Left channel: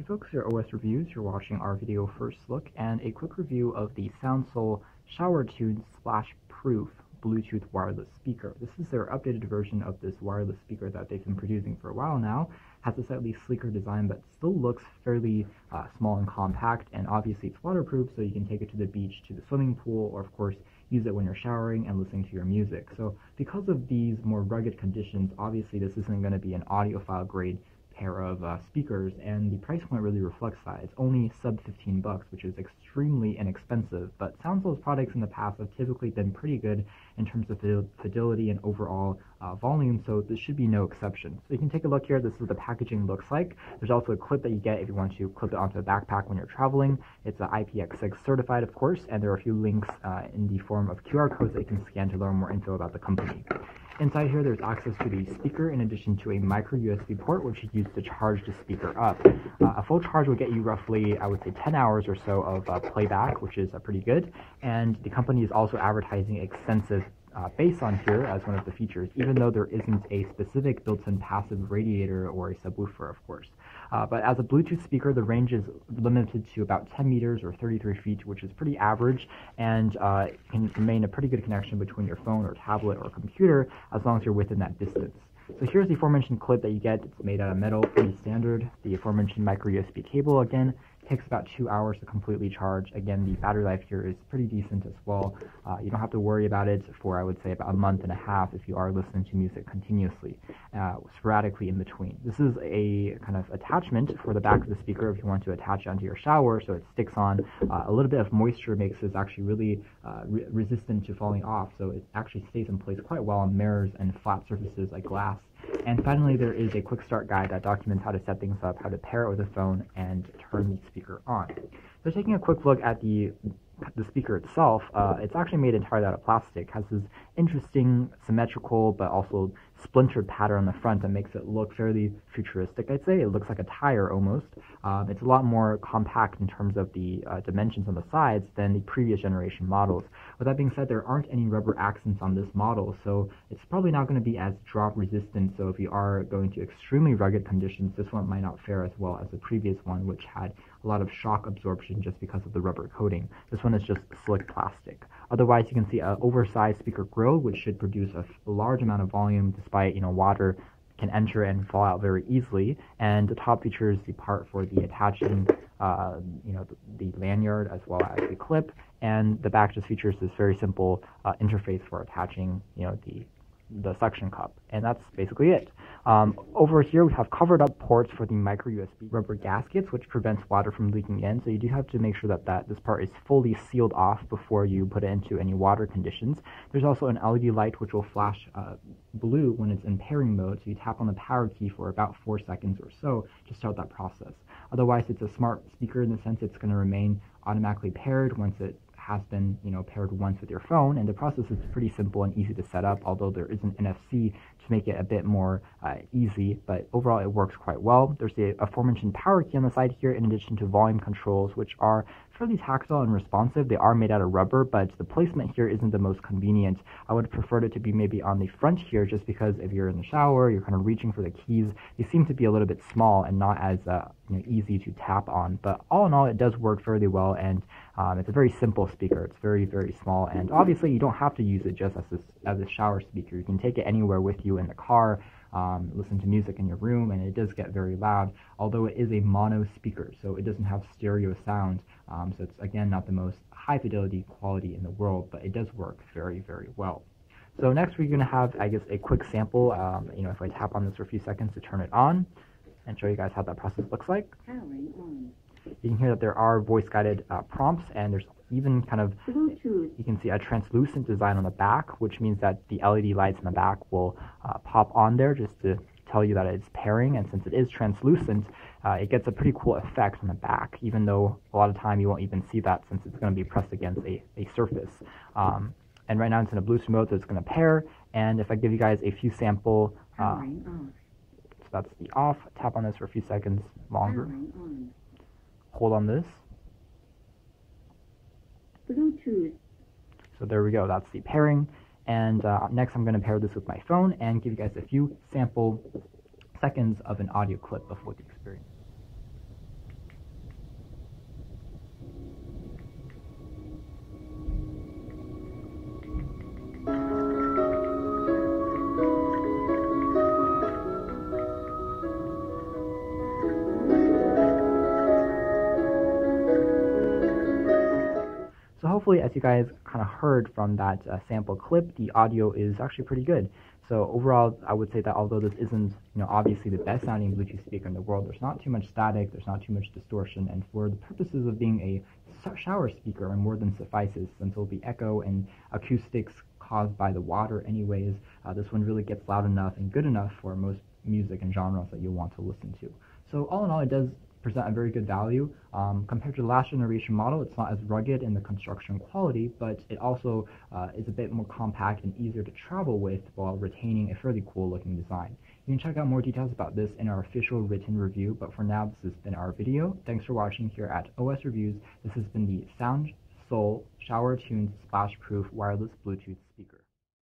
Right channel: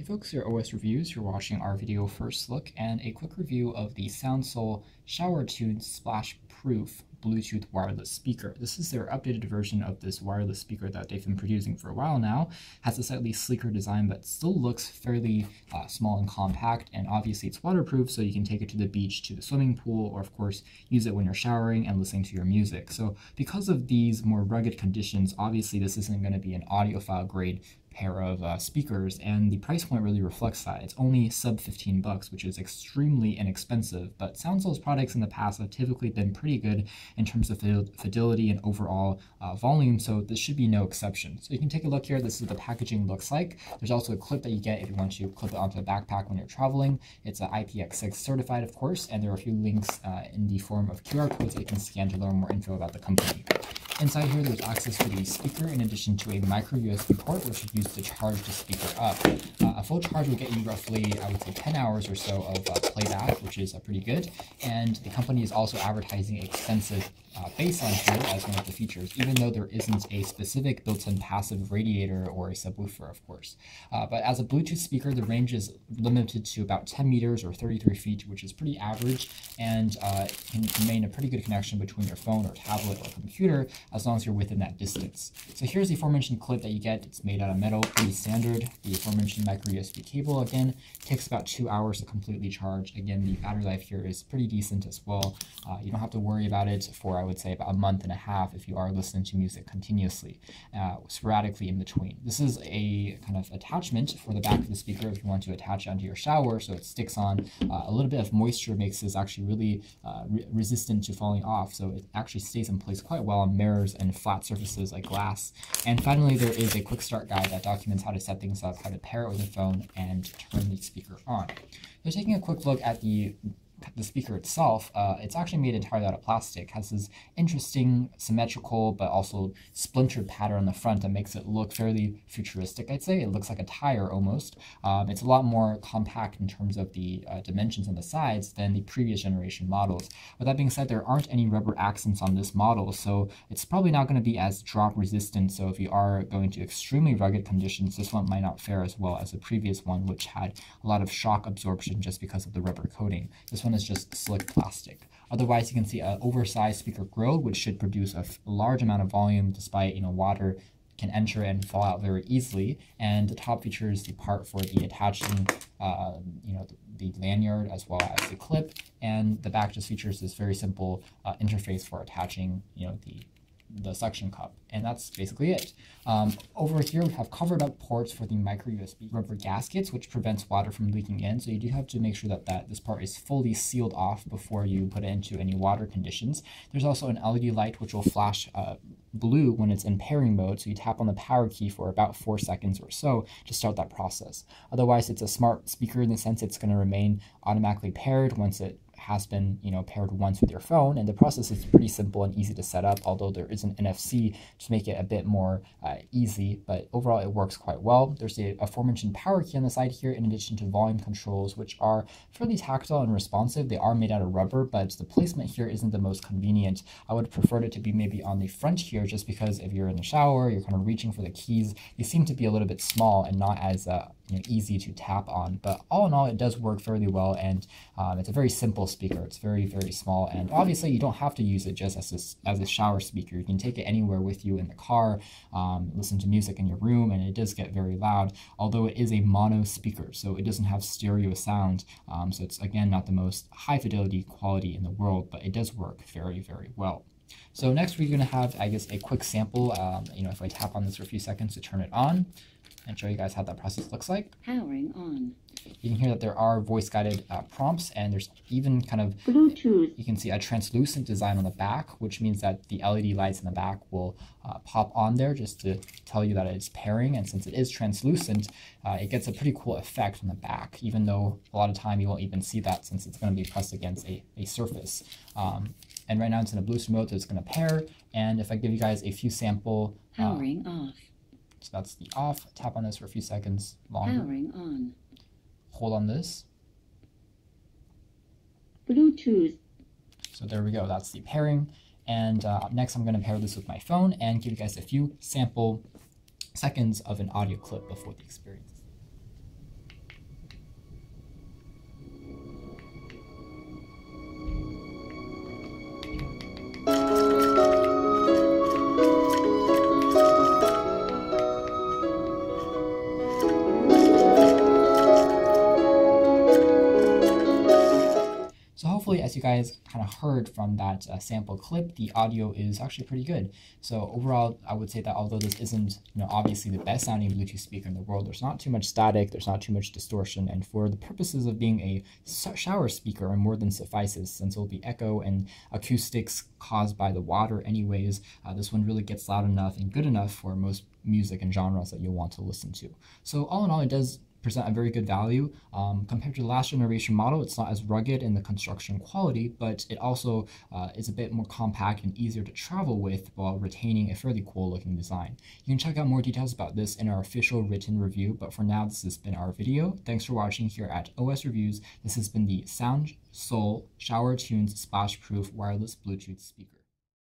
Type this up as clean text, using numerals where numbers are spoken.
Hey folks, your OS Reviews. You're watching our video first look and a quick review of the SoundSOUL Shower Tune Splash Proof Bluetooth wireless speaker. This is their updated version of this wireless speaker that they've been producing for a while now. Has a slightly sleeker design, but still looks fairly small and compact, and obviously it's waterproof, so you can take it to the beach, to the swimming pool, or of course use it when you're showering and listening to your music. So because of these more rugged conditions, obviously this isn't going to be an audiophile grade pair of speakers, and the price point really reflects that. It's only sub 15 bucks, which is extremely inexpensive, but SoundSOUL's products in the past have typically been pretty good in terms of fidelity and overall volume, so this should be no exception. So you can take a look here. This is what the packaging looks like. There's also a clip that you get if you want to clip it onto a backpack when you're traveling. It's IPX6 certified, of course, and there are a few links in the form of QR codes that you can scan to learn more info about the company. Inside here, there's access to the speaker in addition to a micro USB port, which is used to charge the speaker up. A full charge will get you roughly, I would say, 10 hours or so of playback, which is pretty good. And the company is also advertising extensive bass on here as one of the features, even though there isn't a specific built-in passive radiator or a subwoofer, of course. But as a Bluetooth speaker, the range is limited to about 10 meters or 33 feet, which is pretty average, and can remain a pretty good connection between your phone or tablet or computer as long as you're within that distance. So here's the aforementioned clip that you get. It's made out of metal, pretty standard. The aforementioned micro USB cable, again, takes about 2 hours to completely charge. Again, the battery life here is pretty decent as well. You don't have to worry about it for, I would say, about a month and a half if you are listening to music continuously, sporadically in between. This is a kind of attachment for the back of the speaker if you want to attach it onto your shower so it sticks on. A little bit of moisture makes this actually really resistant to falling off, so it actually stays in place quite well on mirrors and flat surfaces like glass. And finally, there is a quick start guide that documents how to set things up, how to pair it with a phone, and turn the speaker on. So taking a quick look at the speaker itself, it's actually made entirely out of plastic. Has this interesting symmetrical but also splintered pattern on the front that makes it look fairly futuristic, I'd say. It looks like a tire almost. It's a lot more compact in terms of the dimensions on the sides than the previous generation models. With that being said, there aren't any rubber accents on this model, so it's probably not going to be as drop resistant. So if you are going to extremely rugged conditions, this one might not fare as well as the previous one, which had a lot of shock absorption just because of the rubber coating. This one is just slick plastic. Otherwise, you can see an oversized speaker grill, which should produce a large amount of volume despite, water can enter and fall out very easily. And the top features the part for the attaching, the lanyard as well as the clip. And the back just features this very simple interface for attaching, the suction cup, and that's basically it. Over here we have covered up ports for the micro USB rubber gaskets, which prevents water from leaking in, so you do have to make sure that this part is fully sealed off before you put it into any water conditions. There's also an LED light which will flash blue when it's in pairing mode, so you tap on the power key for about 4 seconds or so to start that process. Otherwise, it's a smart speaker in the sense it's going to remain automatically paired once it has been paired once with your phone, and the process is pretty simple and easy to set up, although there is an NFC to make it a bit more easy, but overall it works quite well. There's the aforementioned power key on the side here in addition to volume controls, which are fairly tactile and responsive. They are made out of rubber, but the placement here isn't the most convenient. I would prefer it to be maybe on the front here, just because if you're in the shower, you're kind of reaching for the keys, they seem to be a little bit small and not as easy to tap on. But all in all, it does work fairly well, and it's a very simple speaker. It's very, very small, and obviously you don't have to use it just as a shower speaker. You can take it anywhere with you in the car, listen to music in your room, and it does get very loud, although it is a mono speaker, so it doesn't have stereo sound. So it's, again, not the most high fidelity quality in the world, but it does work very, very well. So next we're going to have, I guess, a quick sample. If I tap on this for a few seconds to turn it on and show you guys how that process looks like. Powering on. You can hear that there are voice-guided prompts, and there's even kind of Bluetooth. You can see a translucent design on the back, which means that the LED lights in the back will pop on there just to tell you that it's pairing. And since it is translucent, it gets a pretty cool effect on the back, even though a lot of time you won't even see that since it's going to be pressed against a surface. And right now it's in a Bluetooth mode, so it's going to pair. And if I give you guys a few sample, Powering off. So that's the off. Tap on this for a few seconds longer. Powering on. Hold on this. Bluetooth. So there we go. That's the pairing. And next I'm going to pair this with my phone and give you guys a few sample seconds of an audio clip before the experience. hopefully, as you guys kind of heard from that sample clip, the audio is actually pretty good. So overall, I would say that although this isn't, obviously the best sounding Bluetooth speaker in the world, there's not too much static, there's not too much distortion, and for the purposes of being a shower speaker, more than suffices, since it'll be echo and acoustics caused by the water anyways. This one really gets loud enough and good enough for most music and genres that you'll want to listen to. So all in all, it does present a very good value. Compared to the last generation model, it's not as rugged in the construction quality, but it also is a bit more compact and easier to travel with while retaining a fairly cool looking design. You can check out more details about this in our official written review, but for now, this has been our video. Thanks for watching here at OS Reviews. This has been the SoundSOUL Shower Tunes Splash Proof Wireless Bluetooth Speaker.